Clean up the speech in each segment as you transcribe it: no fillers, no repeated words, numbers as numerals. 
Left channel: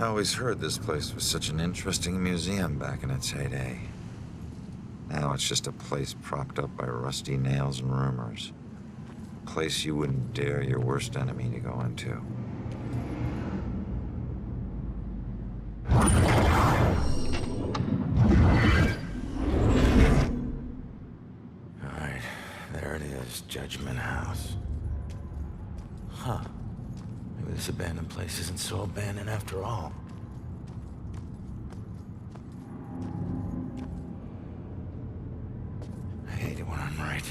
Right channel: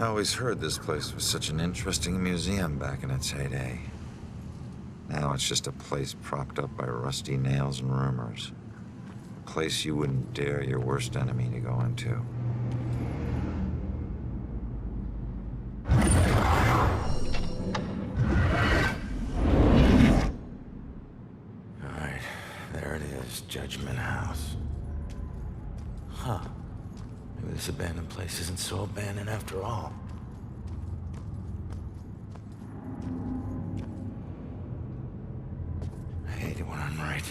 I always heard this place was such an interesting museum back in its heyday. Now it's just a place propped up by rusty nails and rumors. A place you wouldn't dare your worst enemy to go into. Alright, there it is, Judgment House. Huh. Maybe this abandoned place isn't so abandoned after all. I hate it when I'm right.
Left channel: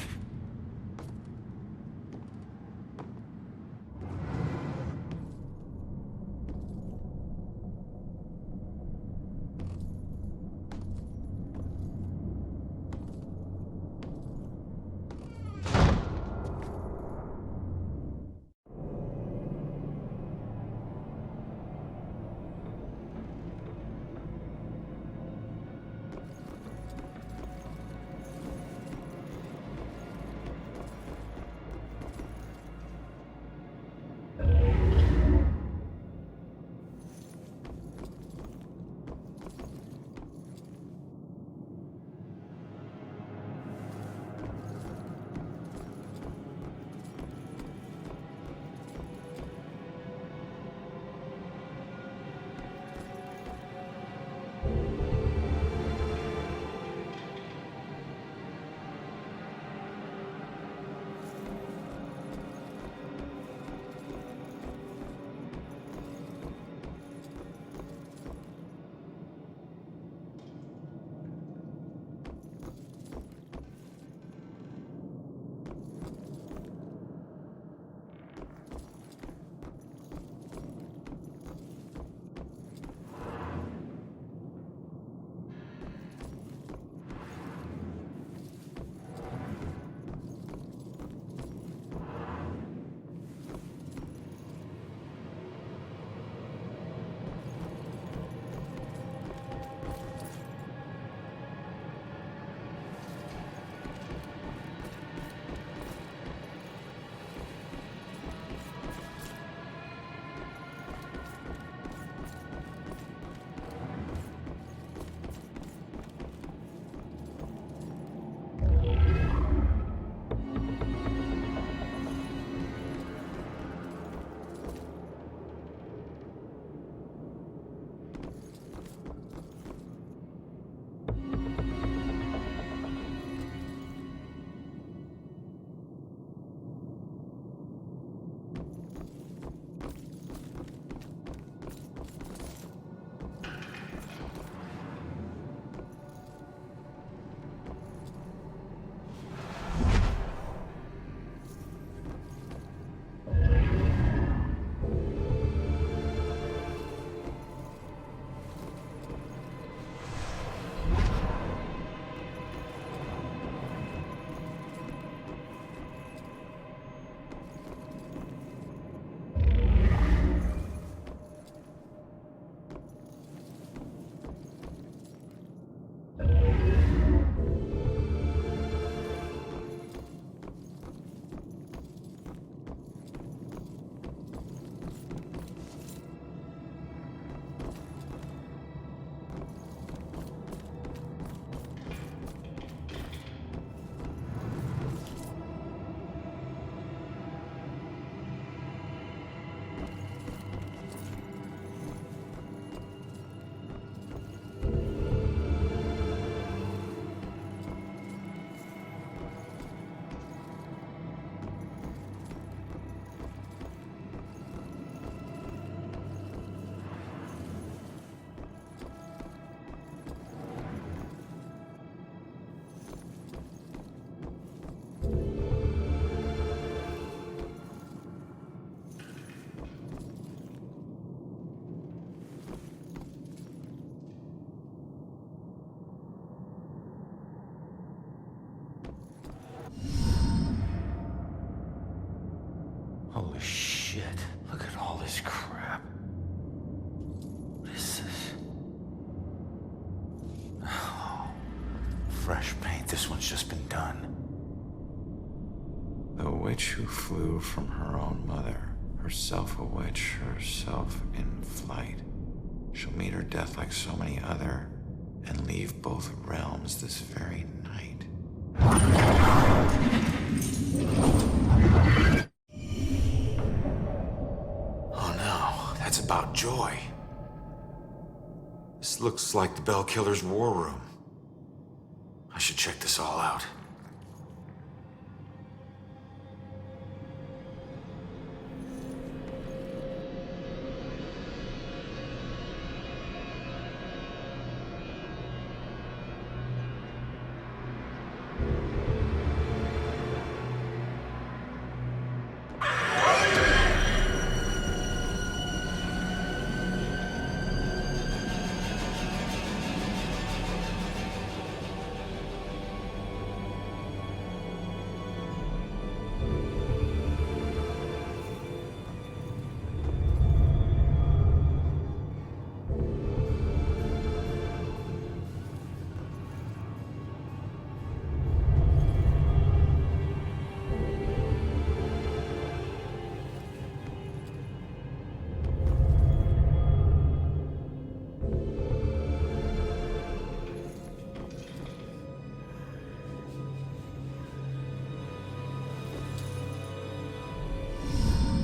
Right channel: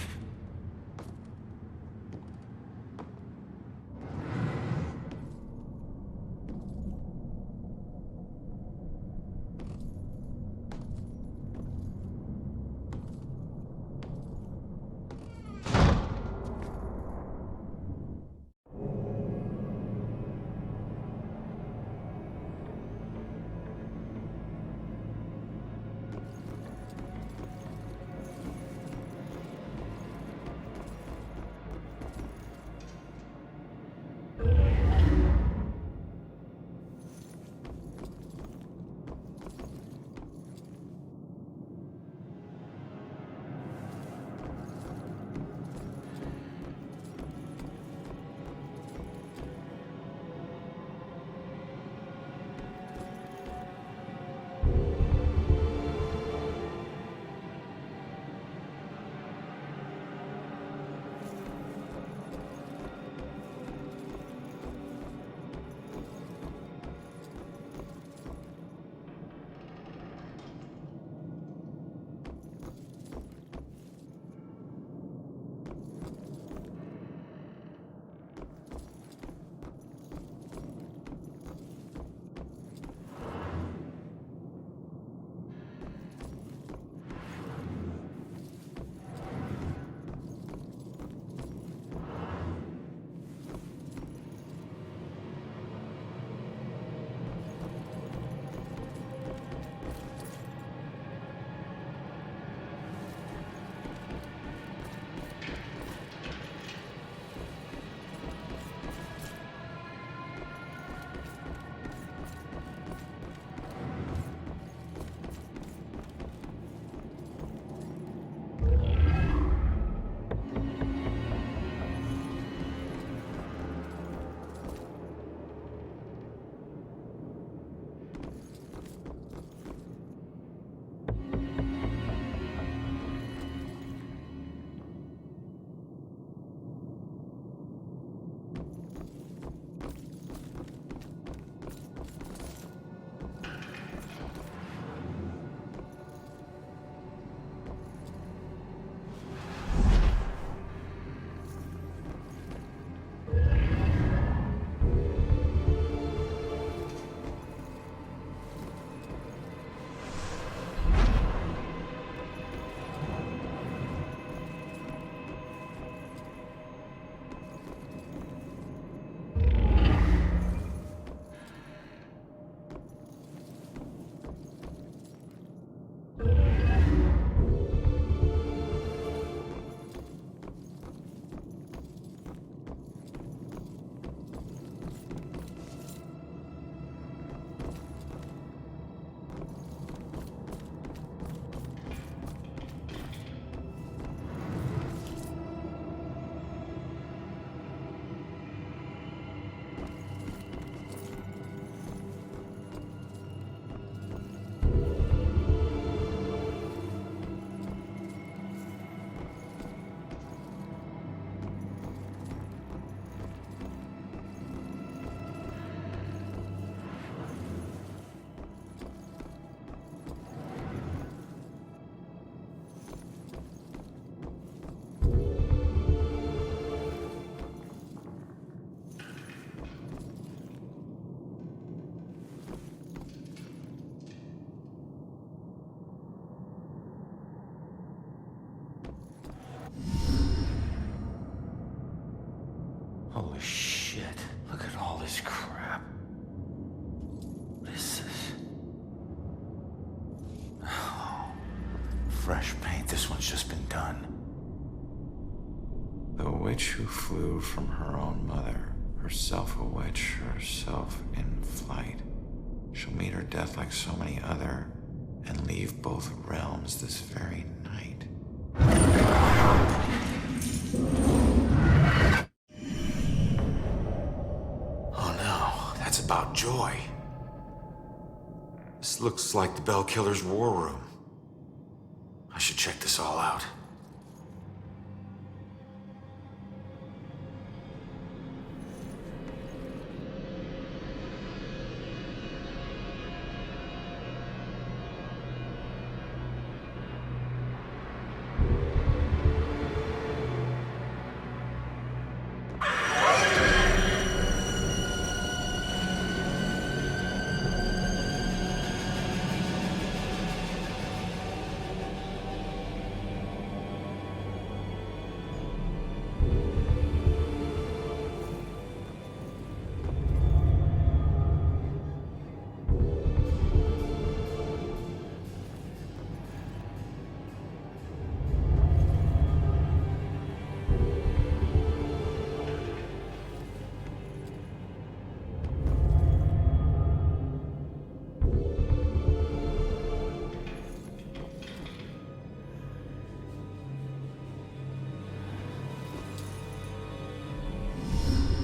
Holy shit, look at all this crap. What is this? Oh, fresh paint, this one's just been done. The witch who flew from her own mother, herself a witch, herself in flight. She'll meet her death like so many other, and leave both realms this very night. Oh no, that's about Joy. This looks like the Bell Killer's war room. I should check this all out.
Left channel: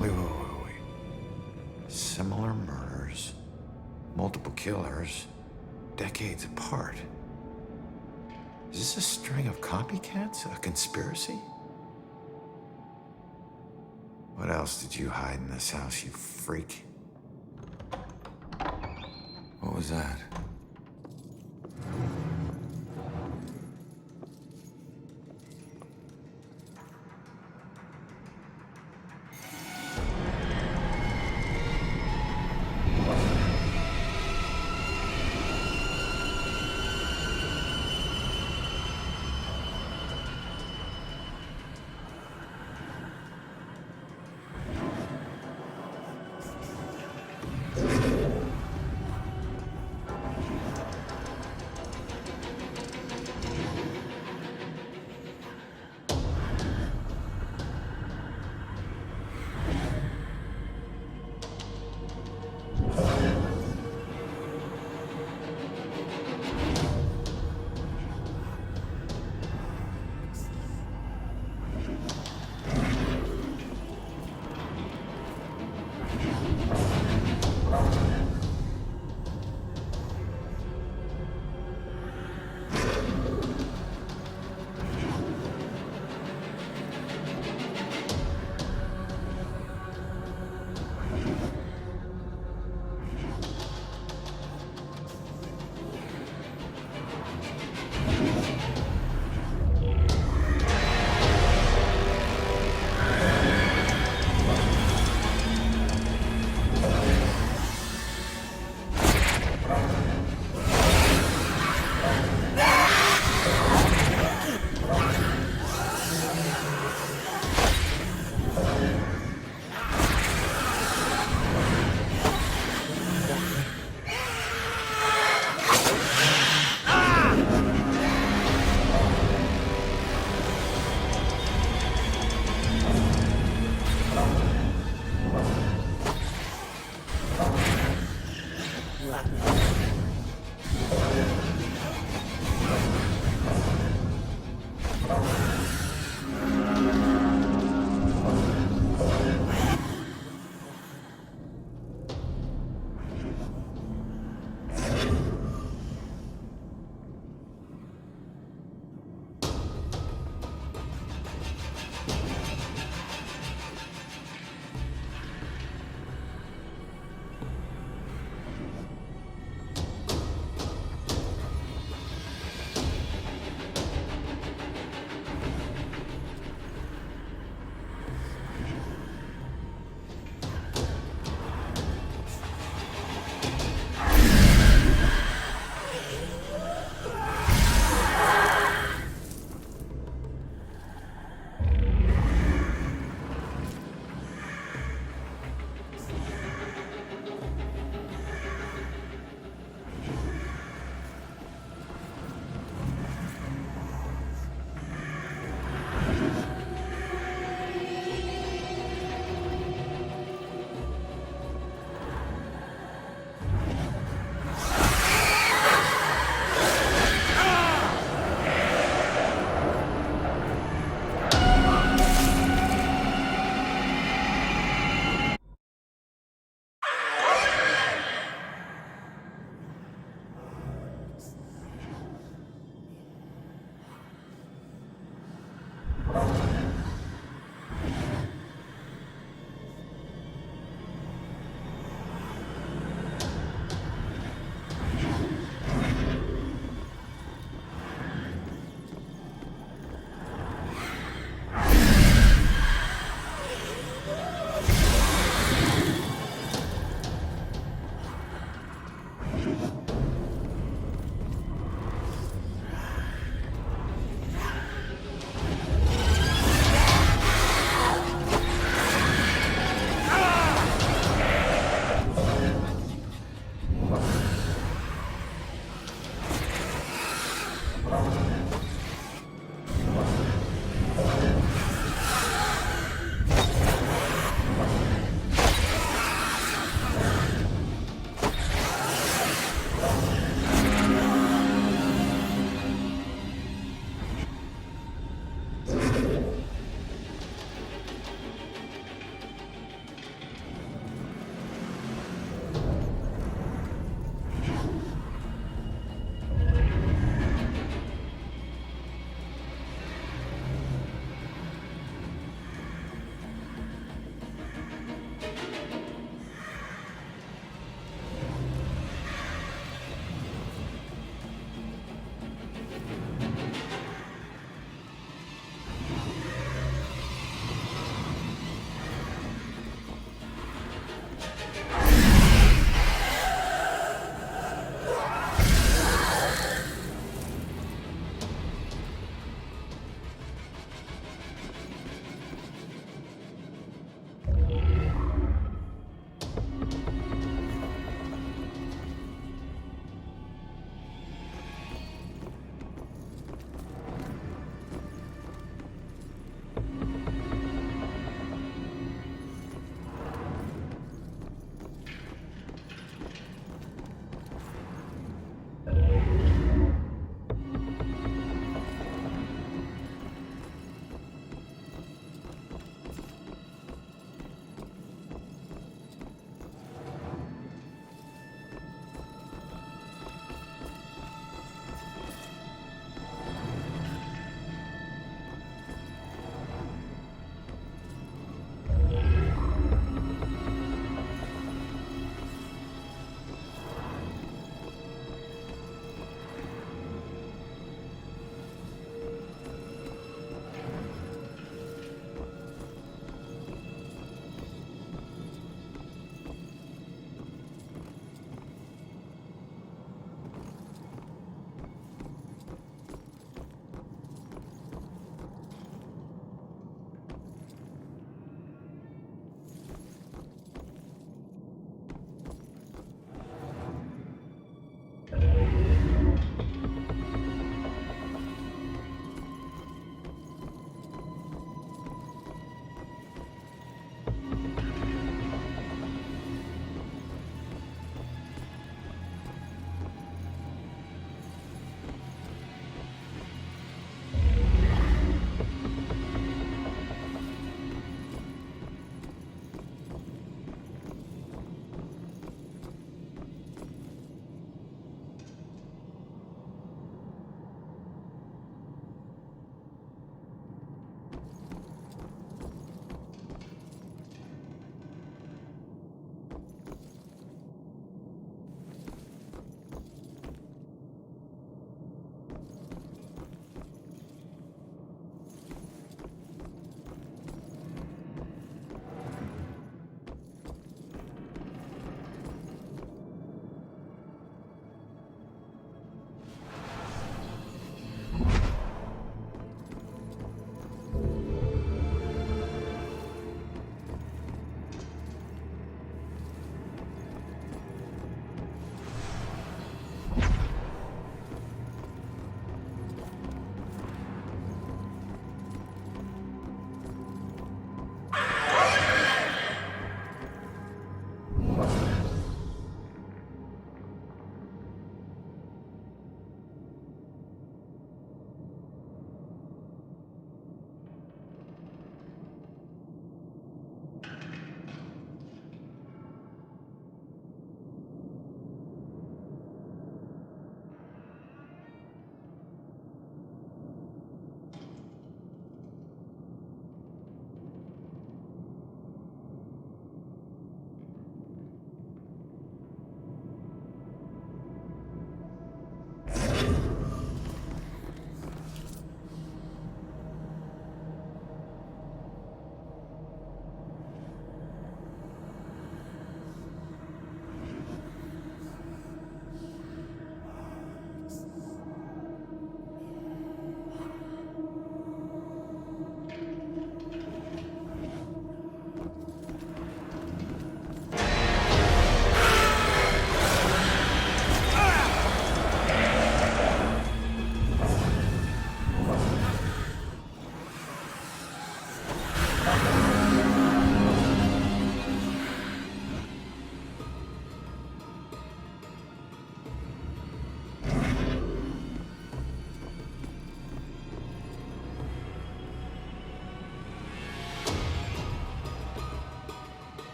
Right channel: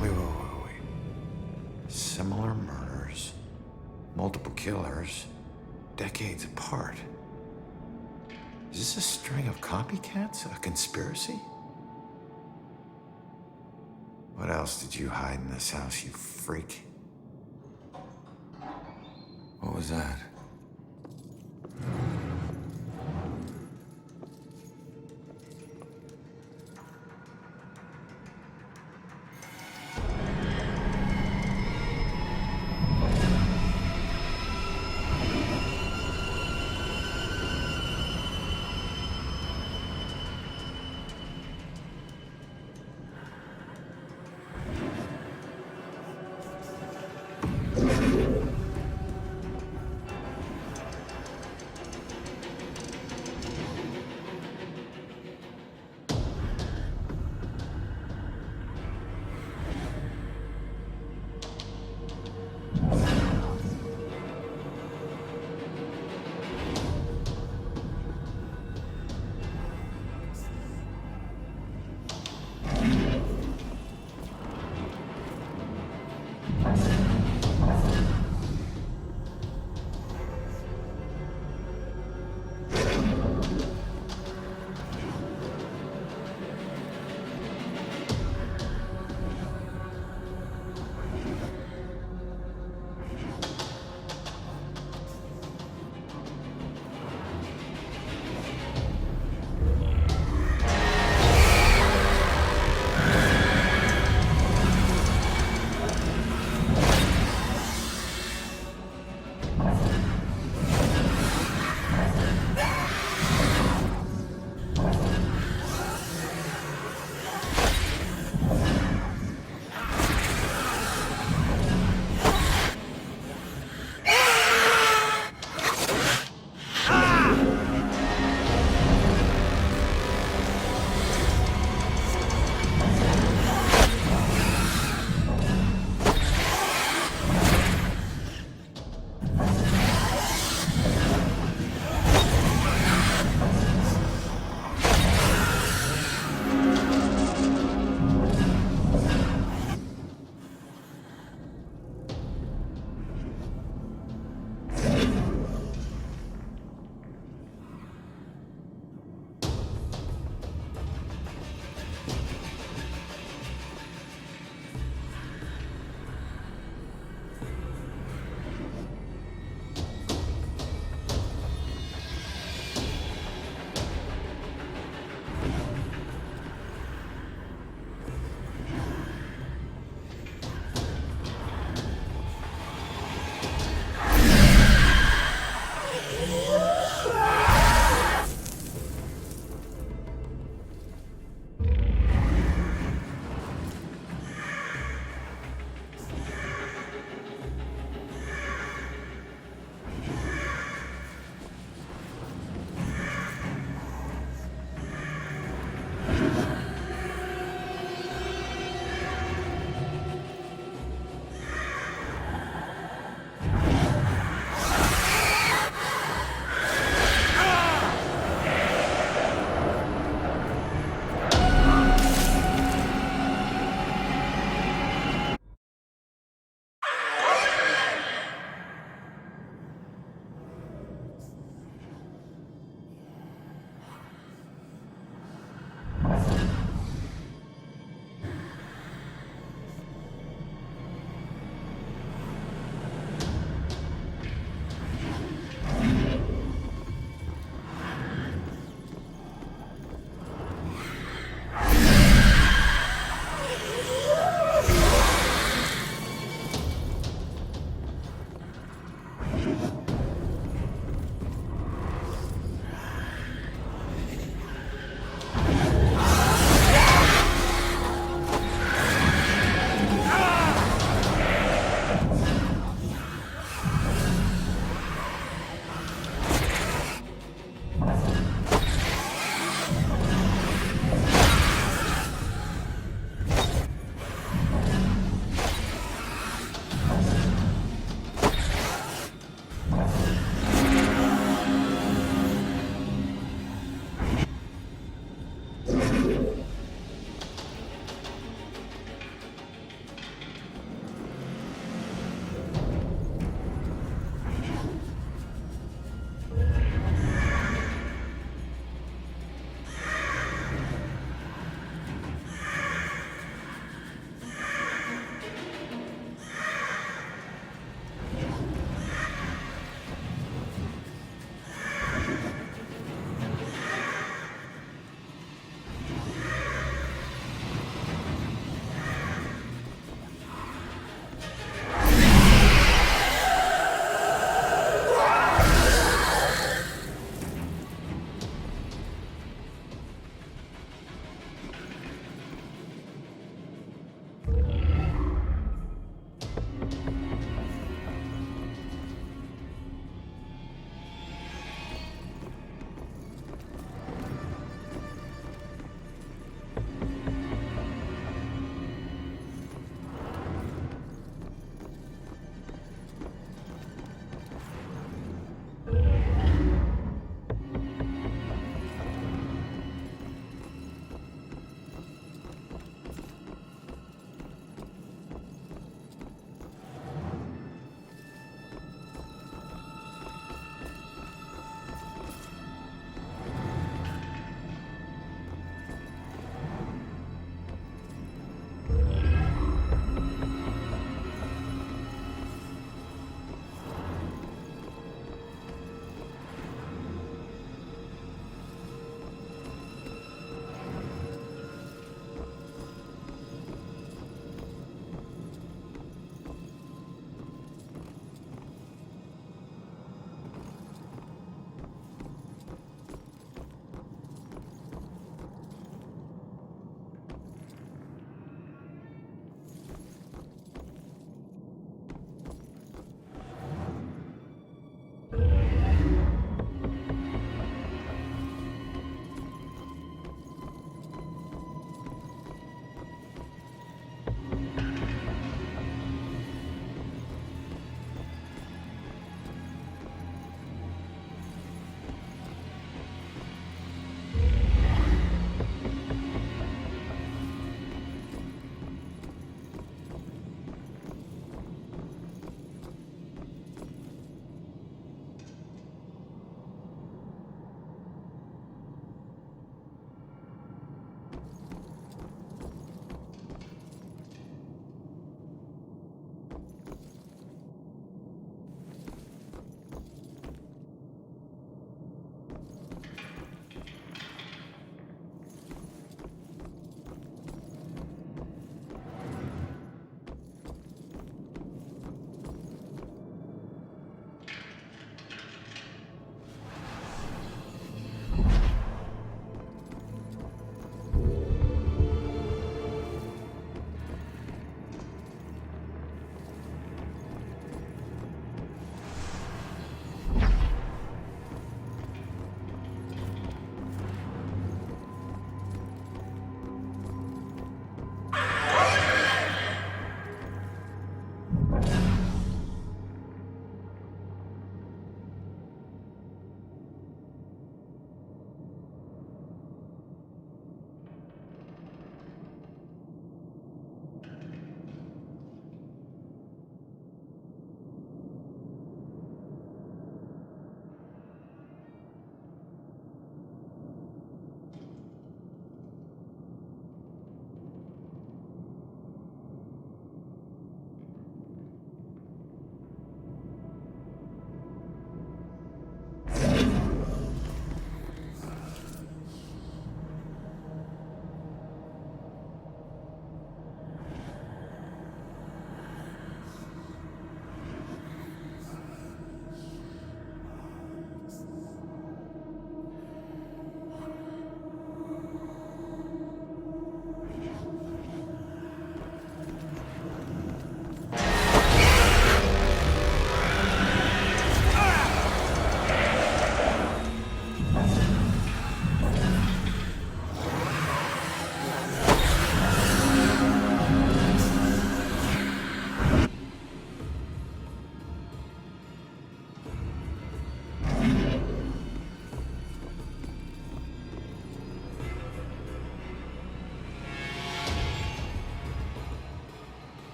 Wait. Similar murders, multiple killers, decades apart. Is this a string of copycats? A conspiracy? What else did you hide in this house, you freak? What was that?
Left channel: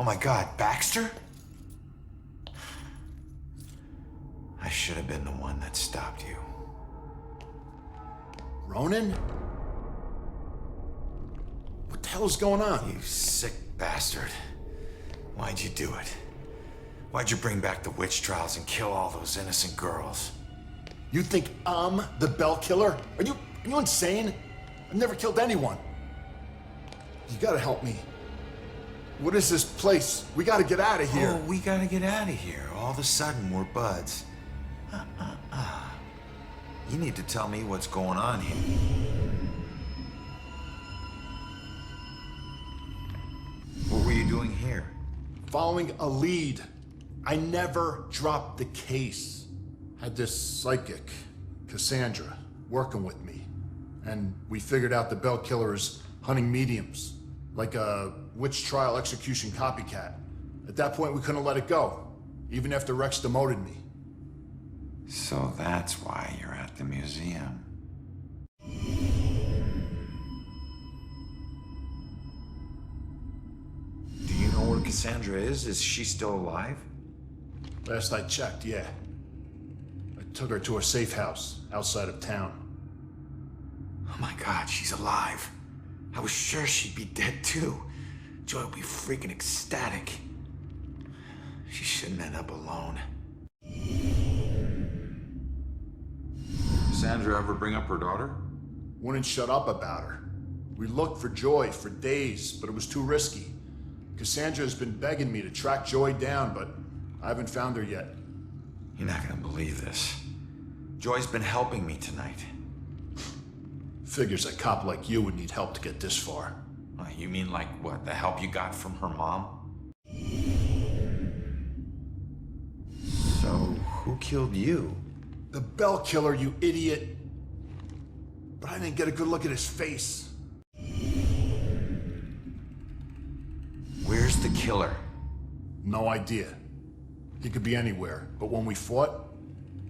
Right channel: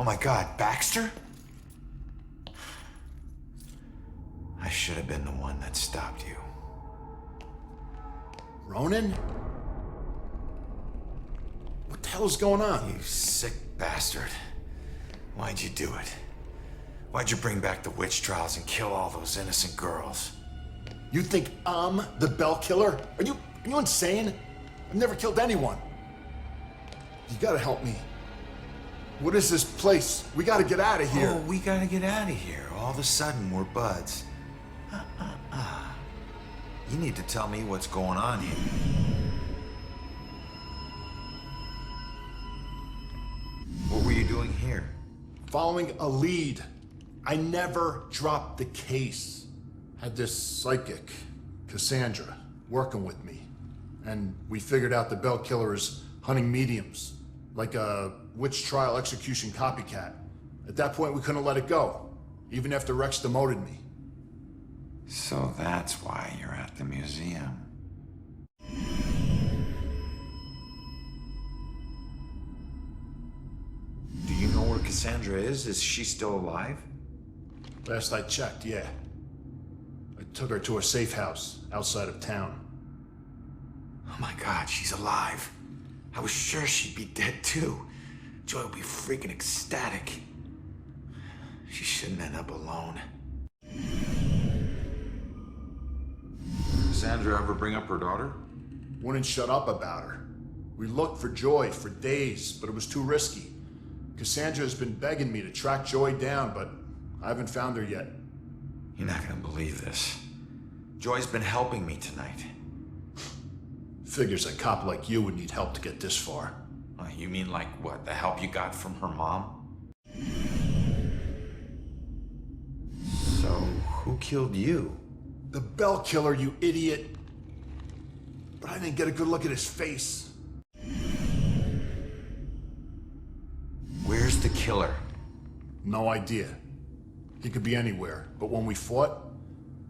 Oh my God, Baxter? I should have been the one that stopped you. Ronan? What the hell is going on? You sick bastard. Why'd you do it? Why'd you bring back the witch trials and kill all those innocent girls? You think I'm the Bell Killer? Are you insane? I've never killed anyone. You gotta help me. What is this place? We gotta get out of here. Oh, we gotta get out of here. All of a sudden, we're buds. You need to tell me what's going on here. What were you doing here? Following a lead. I never dropped the case. Had this psychic, Cassandra, working with me. And we figured out the Bell Killer is hunting mediums. Like a witch trial execution copycat. At that point, we couldn't let it go. Even after Rex demoted me. So that's why you're at the museum. Do you know where Cassandra is? Is she still alive? Last I checked, yeah. I took her to a safe house outside of town. Oh my God, she's alive. I was sure she'd be dead too. Joy would be freaking ecstatic. She shouldn't end up alone. Cassandra ever bring up her daughter? Wouldn't shut up about her. We looked for Joy for days, but it was too risky. Cassandra has been begging me to track Joy down, but I haven't found her yet. You're not gonna believe this. Joy's been helping me tonight. Figures a cop like you would need help to get this far. You mean like what? The help you got from her mom? So, who killed you? The Bell Killer, you idiot. But I didn't get a good look at his face. Where's the killer? No idea. He could be anywhere, but when we fought,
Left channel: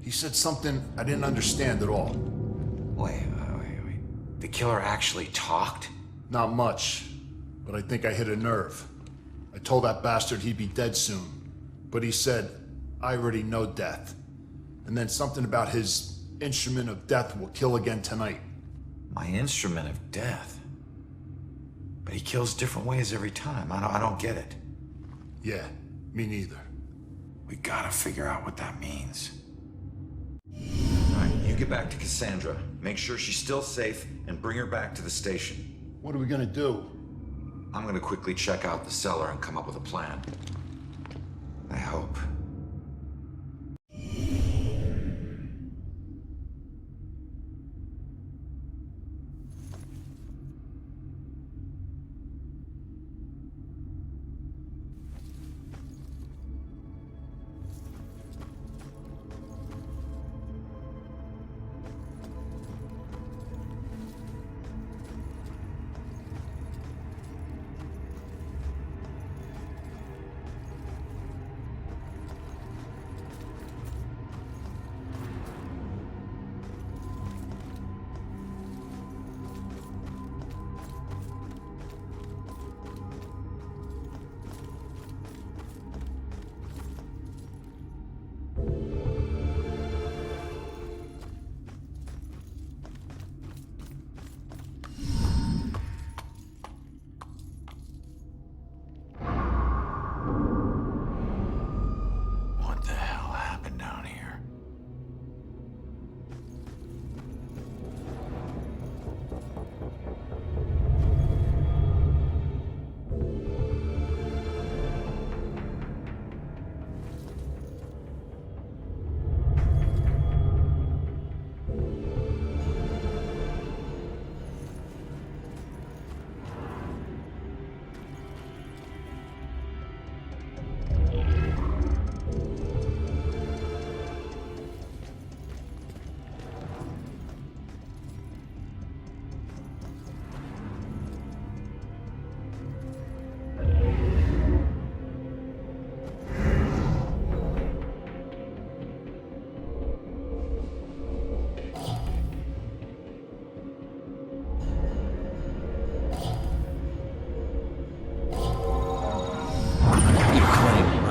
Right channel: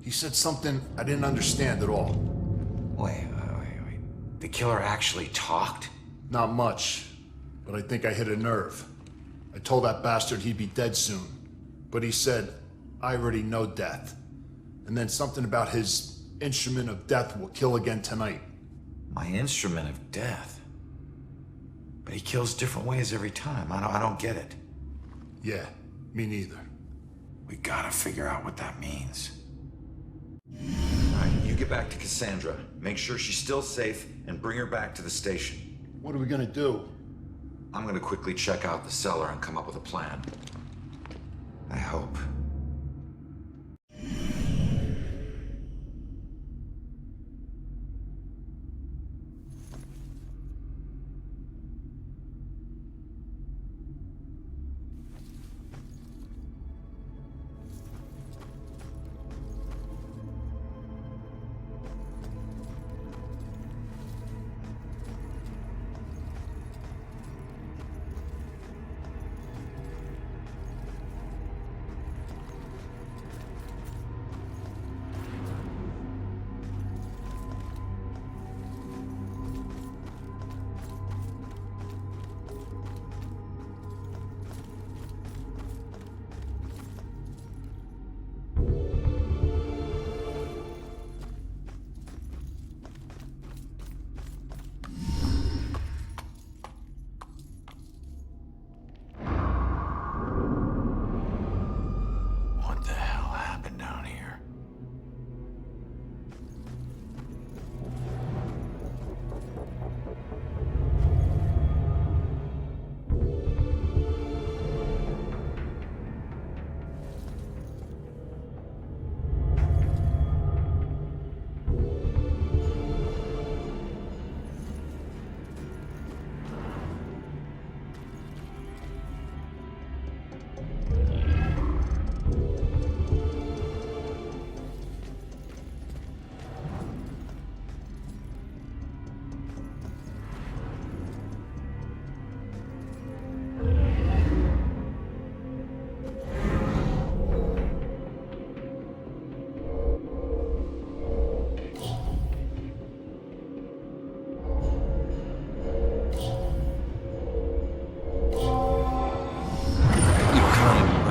he said something I didn't understand at all. Wait. The killer actually talked? Not much, but I think I hit a nerve. I told that bastard he'd be dead soon, but he said, I already know death. And then something about his instrument of death will kill again tonight. My instrument of death? But he kills different ways every time. I don't get it. Yeah, me neither. We gotta figure out what that means. All right, you get back to Cassandra. Make sure she's still safe and bring her back to the station. What are we gonna do? I'm gonna quickly check out the cellar and come up with a plan. I hope.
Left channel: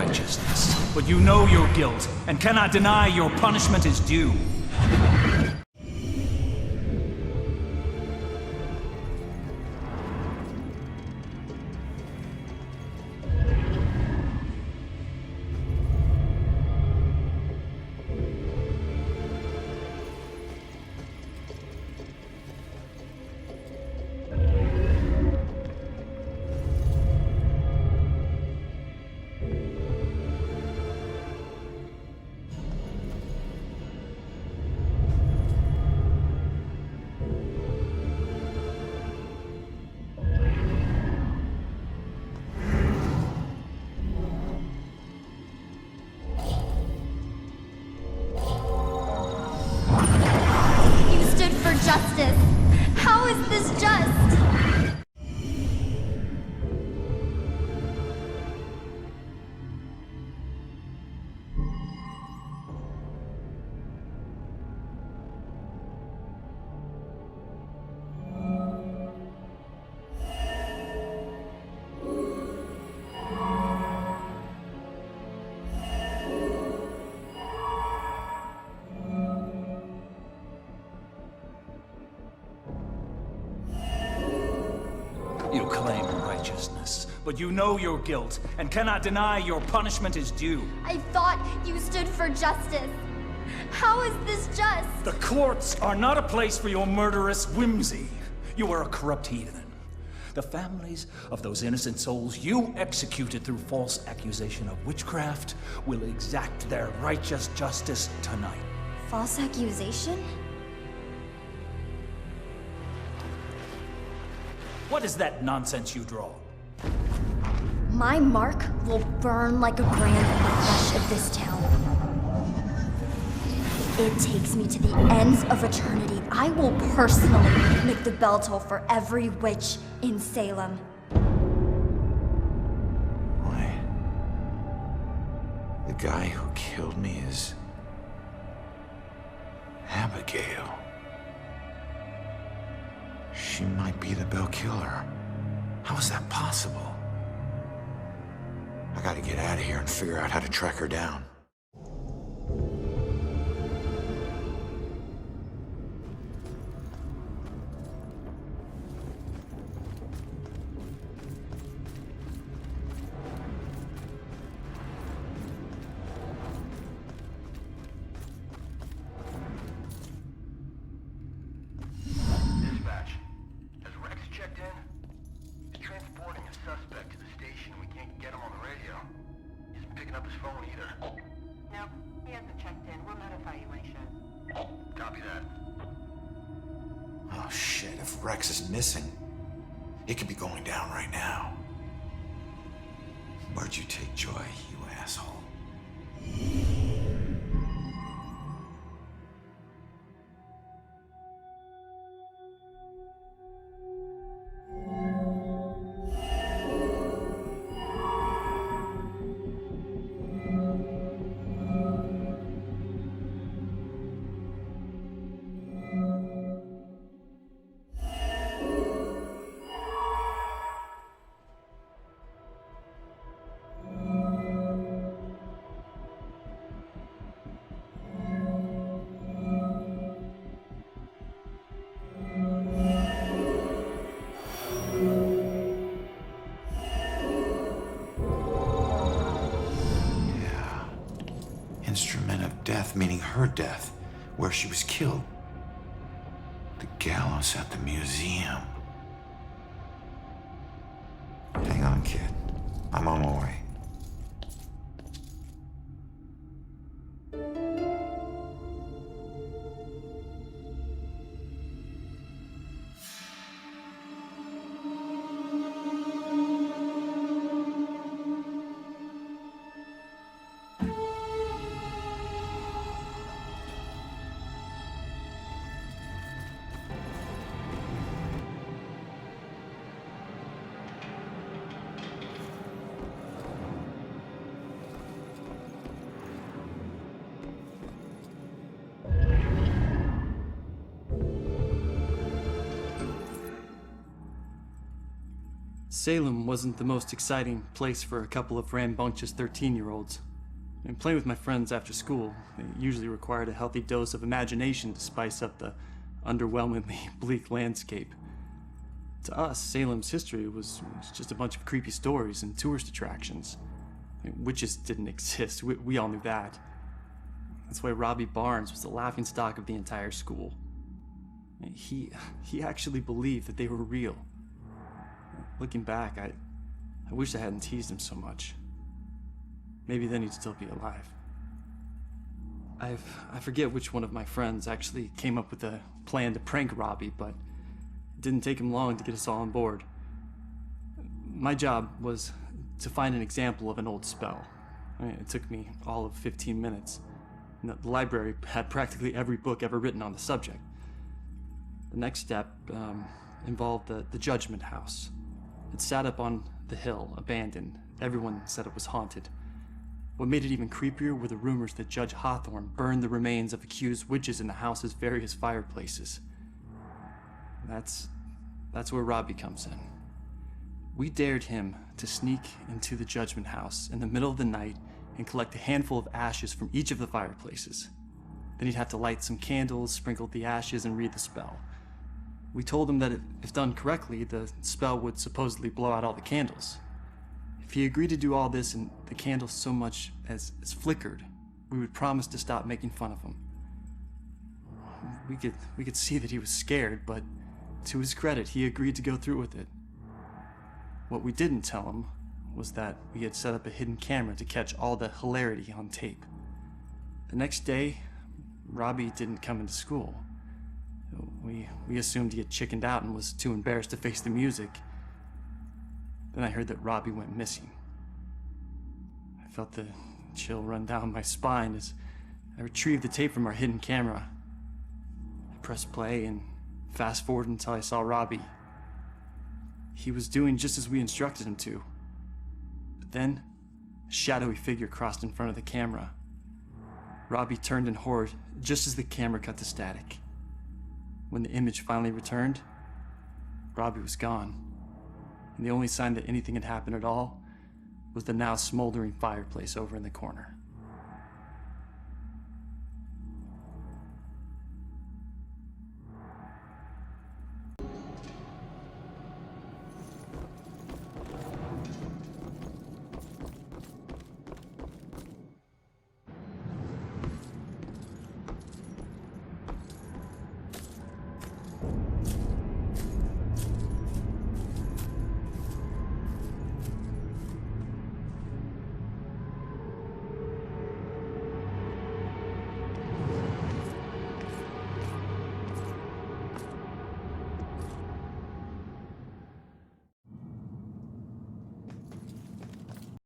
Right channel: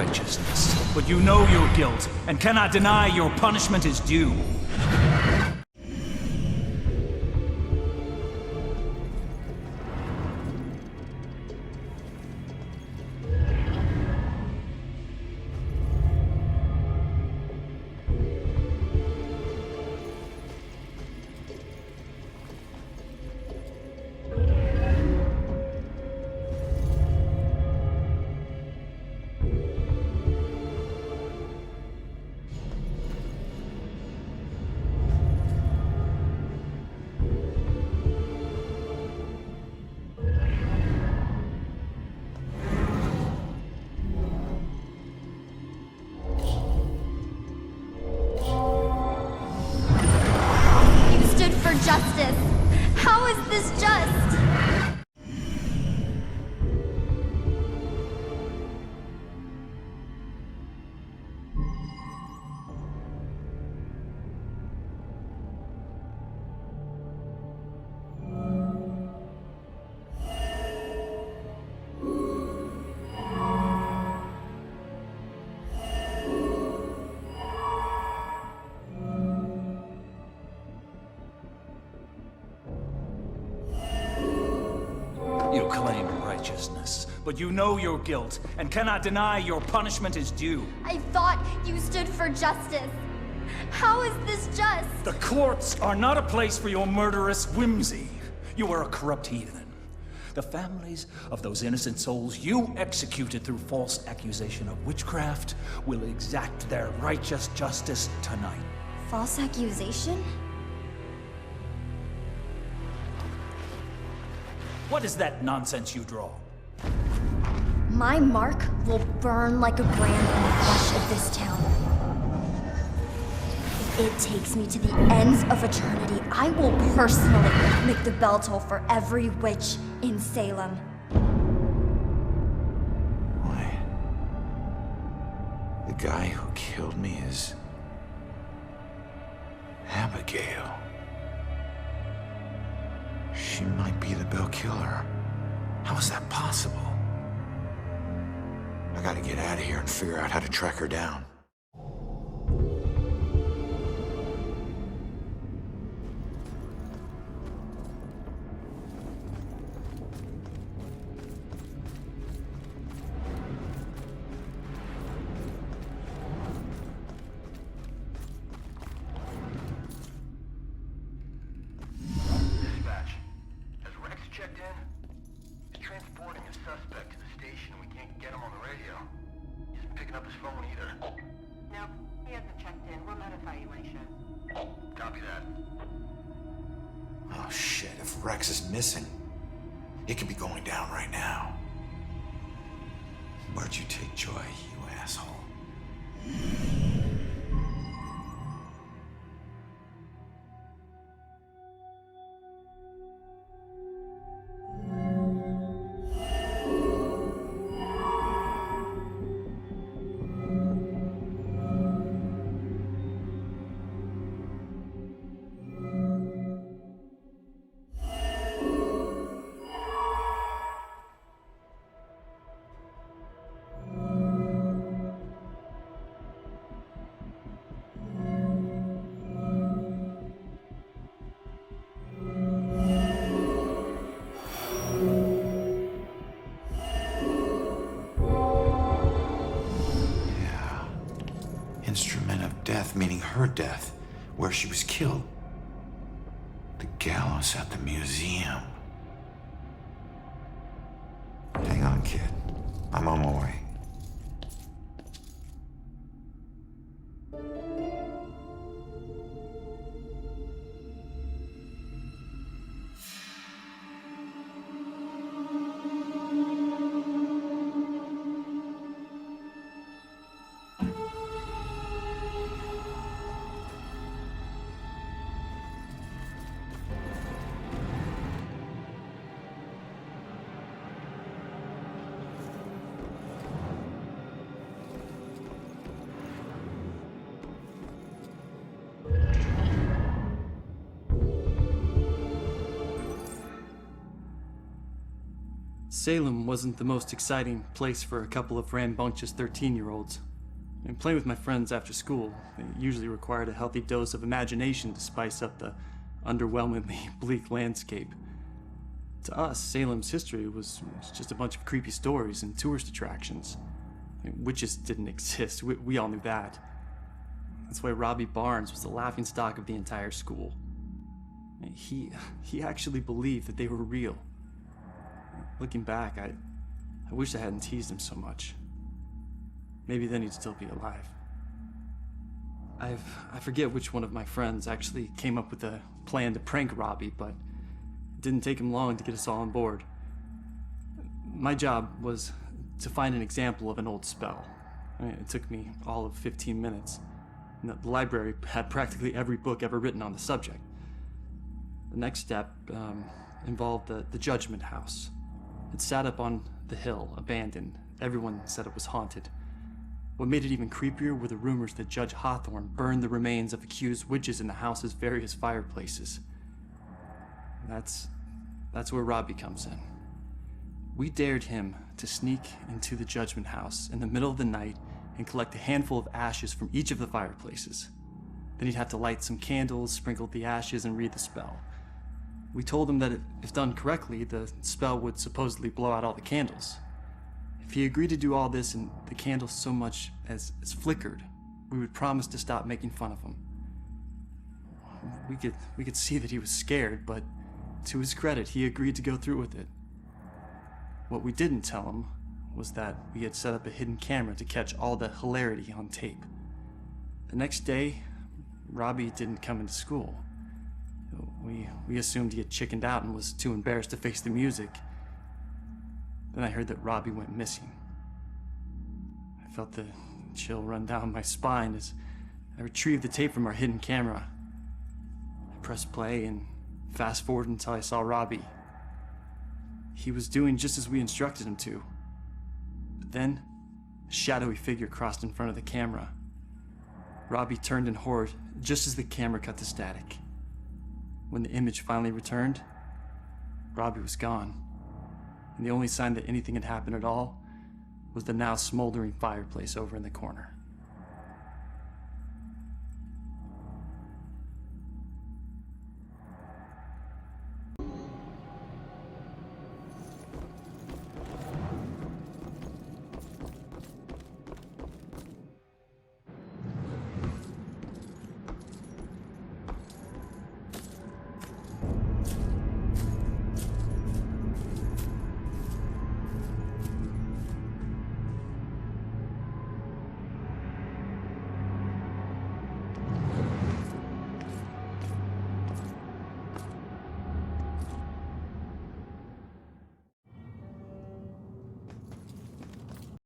righteousness, but you know your guilt and cannot deny your punishment is due. For justice. How is this just? You claim righteousness, but you know your guilt and cannot deny your punishment is due. I thought you stood for justice. How is this just? The courts are not a place for your murderous whimsy. You are a corrupt heathen. The families of those innocent souls you executed through false accusation of witchcraft will exact their righteous justice tonight. False accusation? What is that nonsense you draw? My mark will burn like a brand in the flesh of this town. If it takes me to the ends of eternity, I will personally make the bell toll for every witch in Salem. Wait. The guy who killed me is Abigail. She might be the Bell Killer. How is that possible? I gotta get out of here and figure out how to track her down. Suspect to the station. We can't get him on the radio. He isn't picking up his phone either. Nope, he hasn't checked in. We'll notify you when he should. Copy that. Oh shit, if Rex is missing, it could be going down right now. Where'd you take Joy, you asshole? Instrument of death, meaning her death, where she was killed. The gallows at the museum. Hang on, kid. I'm on my way. Salem wasn't the most exciting place for a couple of rambunctious 13-year-olds. And playing with my friends after school, they usually required a healthy dose of imagination to spice up the underwhelmingly bleak landscape. To us, Salem's history was just a bunch of creepy stories and tourist attractions. Witches didn't exist, we all knew that. That's why Robbie Barnes was the laughingstock of the entire school. He actually believed that they were real. Looking back, I wish I hadn't teased him so much. Maybe then he'd still be alive. I forget which one of my friends actually came up with a plan to prank Robbie, but it didn't take him long to get us all on board. My job was to find an example of an old spell. It took me all of 15 minutes. And the library had practically every book ever written on the subject. The next step involved the Judgment House. It sat up on the hill, abandoned. Everyone said it was haunted. What made it even creepier were the rumors that Judge Hawthorne burned the remains of accused witches in the house's various fireplaces. That's where Robbie comes in. We dared him to sneak into the Judgment House in the middle of the night and collect a handful of ashes from each of the fireplaces. Then he'd have to light some candles, sprinkle the ashes, and read the spell. We told him that if done correctly, the spell would supposedly blow out all the candles. If he agreed to do all this and the candles so much as flickered, we would promise to stop making fun of him. We could see that he was scared, but to his credit, he agreed to go through with it. What we didn't tell him was that we had set up a hidden camera to catch all the hilarity on tape. The next day, Robbie didn't come into school. We assumed he had chickened out and was too embarrassed to face the music. Then I heard that Robbie went missing. I felt the chill run down my spine as I retrieved the tape from our hidden camera. I pressed play and fast forwarded until I saw Robbie. He was doing just as we instructed him to. But then, a shadowy figure crossed in front of the camera. Robbie turned in horror just as the camera cut to static. When the image finally returned, Robbie was gone. And the only sign that anything had happened at all was the now smoldering fireplace over in the corner.